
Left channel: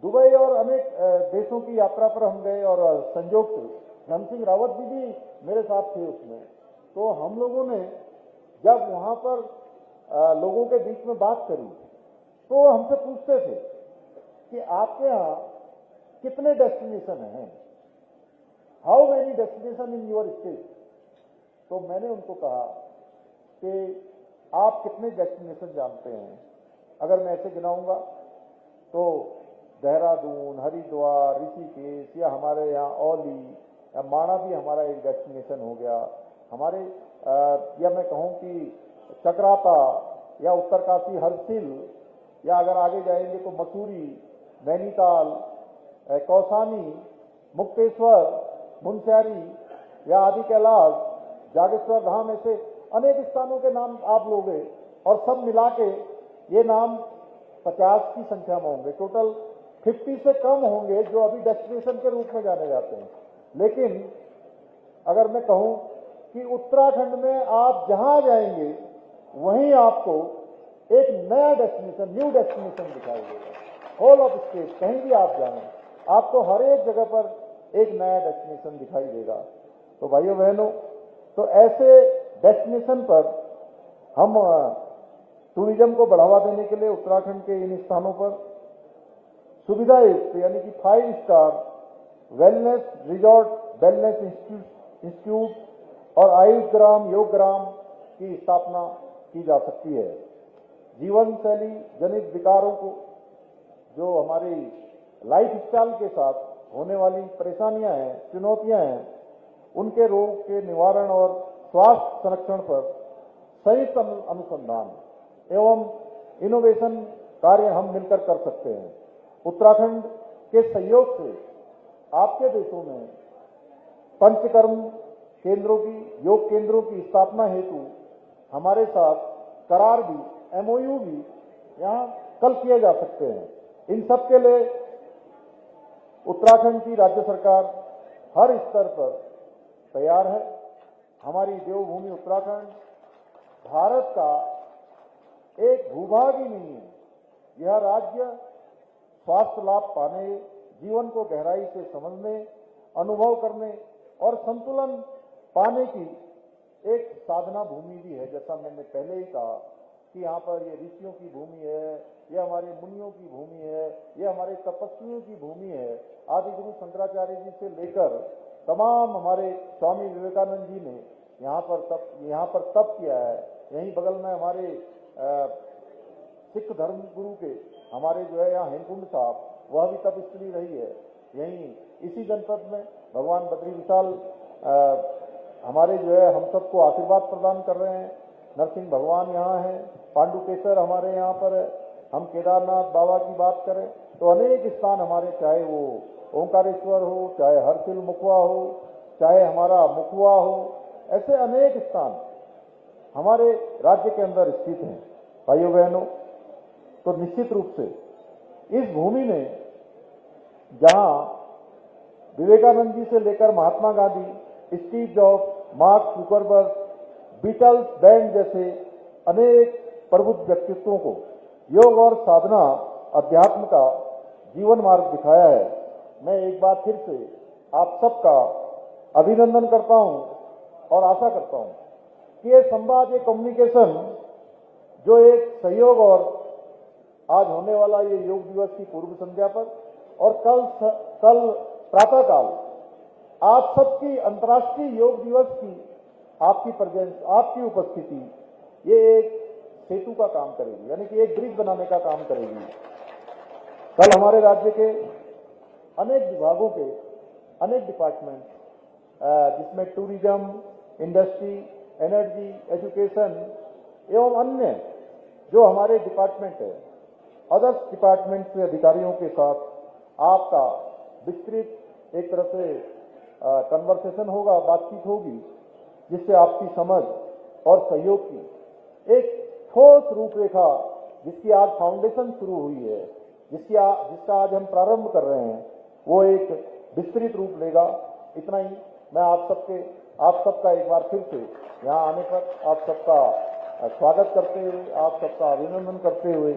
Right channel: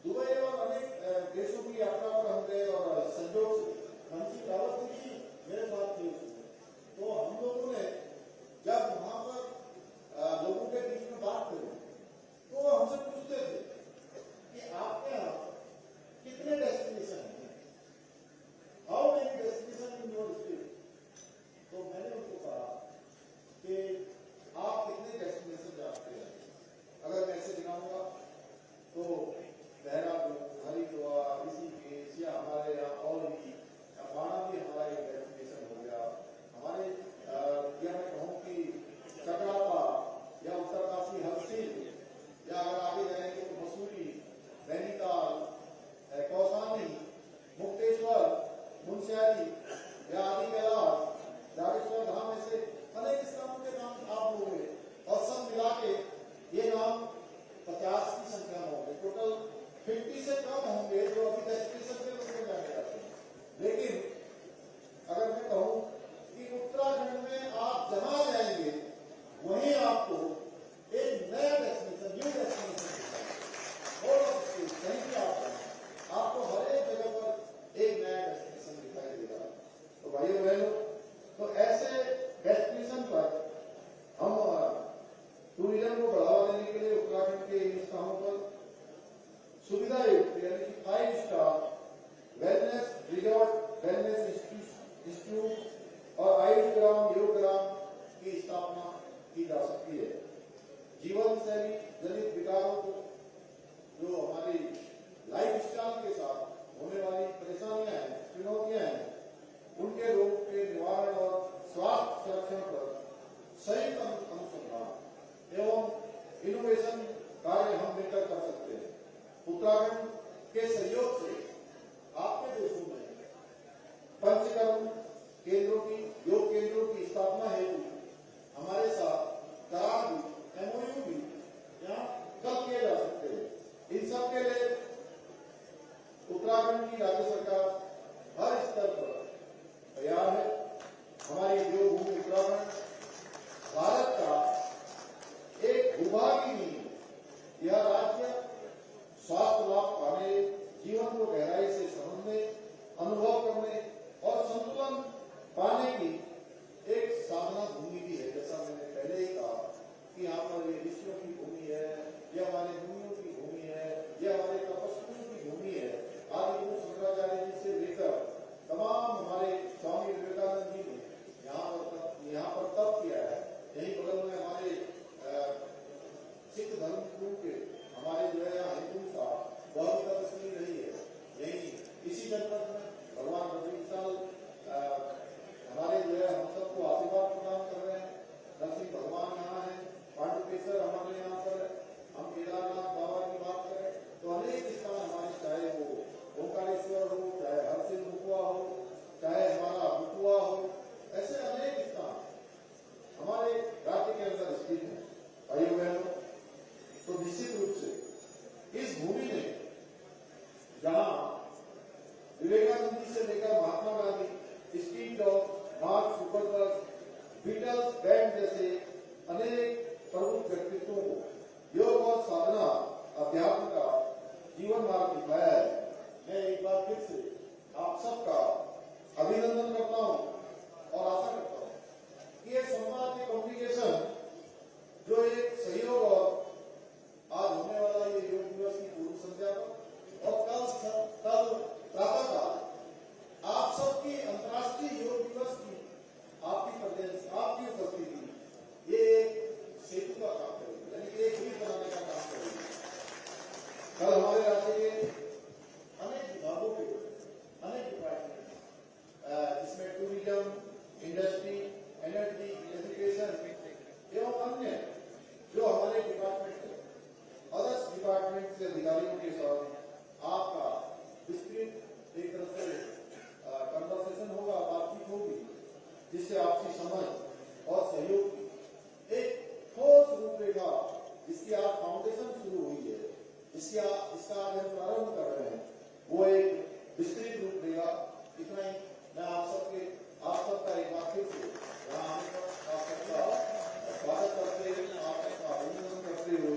दुबई और अनेक देशों की यात्रा पर हम गए, और संयोग से धन सिंह रावत जी भी मेरे साथ थे उसमें। तो हम लोगों ने जब वहां पर लोगों के बीच में बात करी तो हमसे पूछते थे कि आपके यहाँ कितने डेस्टिनेशन हैं, how many destination in your state. तो मैंने उनको कहा कि आप कितने डेस्टिनेशन जानते हैं। अगर मैं ऐसे गिनाऊंगा तो देहरादून, हरिद्वार, ऋषिकेश, या हमारे यहाँ औली या माणा भी हमारा एक डेस्टिनेशन हो गया। हमारे या मैं कहूँ कि चक्राता या उत्तरकाशी, हरसिल, या अगर आगे जाएंगे तो मसूरी, नैनीताल, कौसानी, मुक्तेश्वर, मुनस्यारी या आदि कैलाश, जागेश्वर धाम, ऐसे अनेक स्थानों के नाम आप लोगे, और सब मिला के ये नाम 50 की संख्या में होंगे। टोटल 50 से कम होंगे जो अभी डेस्टिनेशन के रूप में जाने जाते हैं। लेकिन अगर मैं कहूं कि उत्तराखंड में आप जहां जाएंगे वहीं आपको एक नया डेस्टिनेशन, न्यू डेस्टिनेशन दिखाई देगा। होल ऑफ स्टेट, कहीं भी आप जाएं, आपको हर एक जगह पर एक नया डेस्टिनेशन दिखाई देगा। तो भाइयों बहनों, तो ऐसे डेस्टिनेशन पर हम टूरिज्म को बढ़ावा देने के लिए उत्तराखंड के इन स्थानों पर सुविधा युक्त यानी कि 5 star wellness resort, wellness institute और आयुष ग्राम, योग ग्राम की स्थापना की जा सकती है। जीवन शैली जनित विकारों को, जो हमारी लाइफ स्टाइल के साथ होने वाली परेशानियां हैं, चुनौतियां हैं, उनके रोग के निवारण और स्वास्थ्य संरक्षण पर संयुक्त अनुसंधान एवं इनोवेशन कार्य हम मिलकर कर सकते हैं। उत्तराखंड के सहयोग से आपके देशों में पंचकर्म केंद्रों की, योग केंद्रों की स्थापना हेतु हमारे साथ करार भी, MOU भी यहाँ कल किए जा सकते हैं। इन सब के लिए उत्तराखंड की राज्य सरकार हर स्तर पर तैयार है। हमारी देवभूमि उत्तराखंड भारत का एक भूभाग ही नहीं है। यह राज्य स्वास्थ्य लाभ पाने, जीवन को गहराई से समझने, अनुभव करने और संतुलन पाने की एक साधना भूमि भी है। जैसा मैंने पहले ही कहा कि यहाँ पर ये ऋषियों की भूमि है, ये हमारे मुनियों की भूमि है, ये हमारे तपस्वियों की भूमि है। आदि गुरु शंकराचार्य जी से लेकर तमाम हमारे स्वामी विवेकानंद जी ने यहाँ पर तप किया है। यहीं बगल में हमारे सिख धर्म गुरु के हमारे जो है यहाँ हेमकुंड साहब, वह भी तपस्वी रही है। यहीं इसी जनपद में भगवान बद्री विशाल हमारे जो है हम सबको आशीर्वाद प्रदान कर रहे हैं। नरसिंह भगवान यहाँ है, पांडुकेश्वर हमारे यहाँ पर है। हम केदारनाथ बाबा की बात करें तो अनेक स्थान हमारे, चाहे वो ओंकारेश्वर हो, चाहे हरसिल मुखवा हो, चाहे हमारा मुखवा हो, ऐसे अनेक स्थान हमारे राज्य के अंदर स्थित हैं। भाइयों बहनों, तो निश्चित रूप से इस भूमि ने, जहां विवेकानंद जी से लेकर Mahatma Gandhi, Steve Jobs, Mark Zuckerberg, Beatles band जैसे अनेक प्रबुद्ध व्यक्तित्वों को योग और साधना अध्यात्म का जीवन मार्ग दिखाया है। मैं एक बार फिर से आप सबका अभिनंदन करता हूं और आशा करता हूं कि ये संवाद, ये कम्युनिकेशन, जो एक सहयोग और आज होने वाला ये योग दिवस की पूर्व संध्या पर और कल प्रातःकाल आप सबकी अंतर्राष्ट्रीय योग दिवस की आपकी प्रेजेंस, आपकी उपस्थिति, ये एक सेतु का काम करेगी, यानी कि एक ब्रिज बनाने का काम करेगी। कल हमारे राज्य के अनेक विभागों के अनेक डिपार्टमेंट, जिसमें टूरिज्म, इंडस्ट्री, एनर्जी, एजुकेशन एवं अन्य जो हमारे डिपार्टमेंट है, अदर्स डिपार्टमेंट के अधिकारियों के साथ आपका विस्तृत एक तरह से कन्वर्सेशन होगा, बातचीत होगी, जिससे आपसी समझ और सहयोग की एक ठोस रूपरेखा, जिसकी आज फाउंडेशन शुरू हुई है, जिसका आज हम प्रारंभ कर रहे हैं, वो एक विस्तृत रूप लेगा। इतना ही मैं आप सबका एक बार फिर से यहाँ आने पर आप सबका स्वागत करते हुए, आप सबका अभिनंदन करते हुए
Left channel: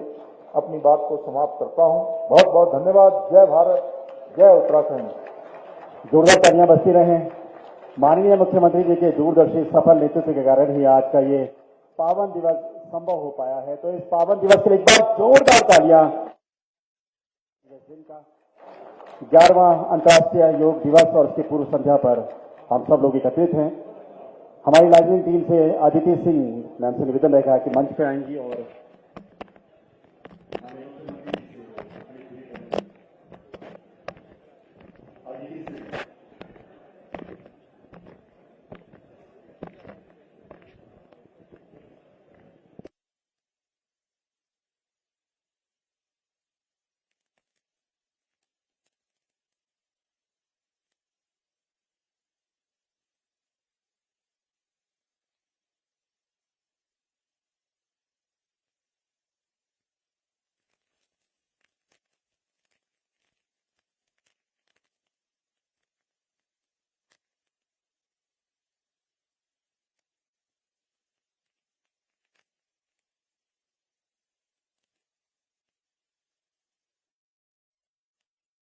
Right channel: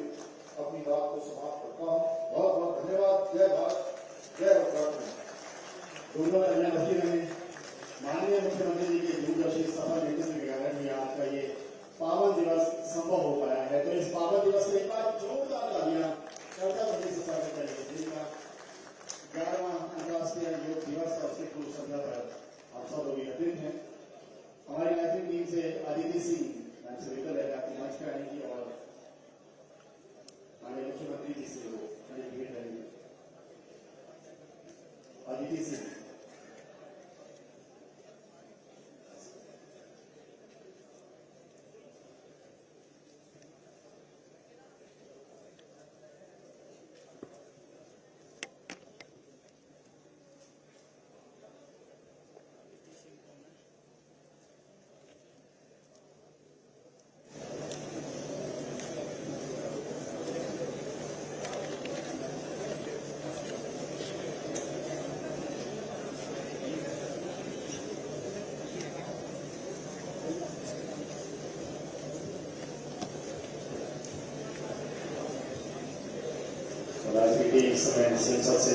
अपनी बात को समाप्त करता हूँ। बहुत बहुत धन्यवाद। जय भारत, जय उत्तराखंड। जोरदार तालियां बजती रहे। माननीय मुख्यमंत्री जी के दूरदर्शी सफल नेतृत्व के कारण ही आज का ये पावन दिवस संभव हो पाया है। तो इस पावन दिवस के लिए एक बार जोरदार तालियां। 11वां अंतर्राष्ट्रीय योग दिवस और इसकी पूर्व संध्या पर हम सब लोग एकत्रित हैं। हमारी लाइजनिंग टीम से अदिति सिंह मैम से निवेदन रहेगा कि मंच पे आएंगी और अदिति सिंह इस समय संसद से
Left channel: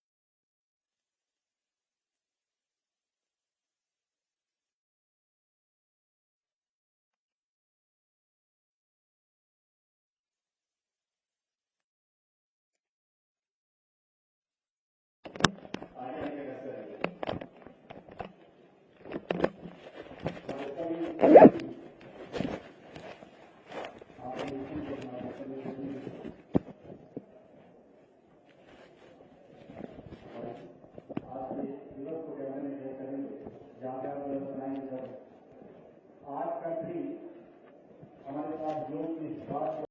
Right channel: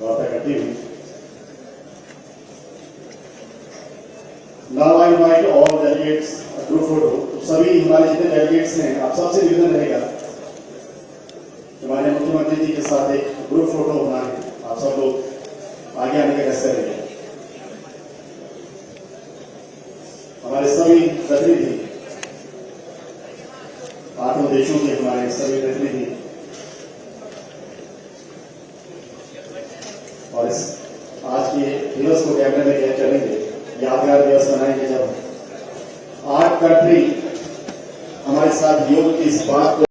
वार्ता करती हुई। Now I invite all delegates group photo. सभी हमारे जितने डेलीगेट्स हैं, आप सबसे निवेदन रहेगा हमारे मुख्यमंत्री जी के साथ एक ग्रुप फोटो होना है। आप सब लोग आगे आने का कैसे रहेंगे। हमारे सभी प्रतिनिधि, 8 देशों के हमारे सभी प्रतिनिधि और इस आज के दिवस को कैमरे में कैद करेंगे। यादगार दिवस बनाएंगे जब 8 कंट्री हमारे साथ योग की इस बात को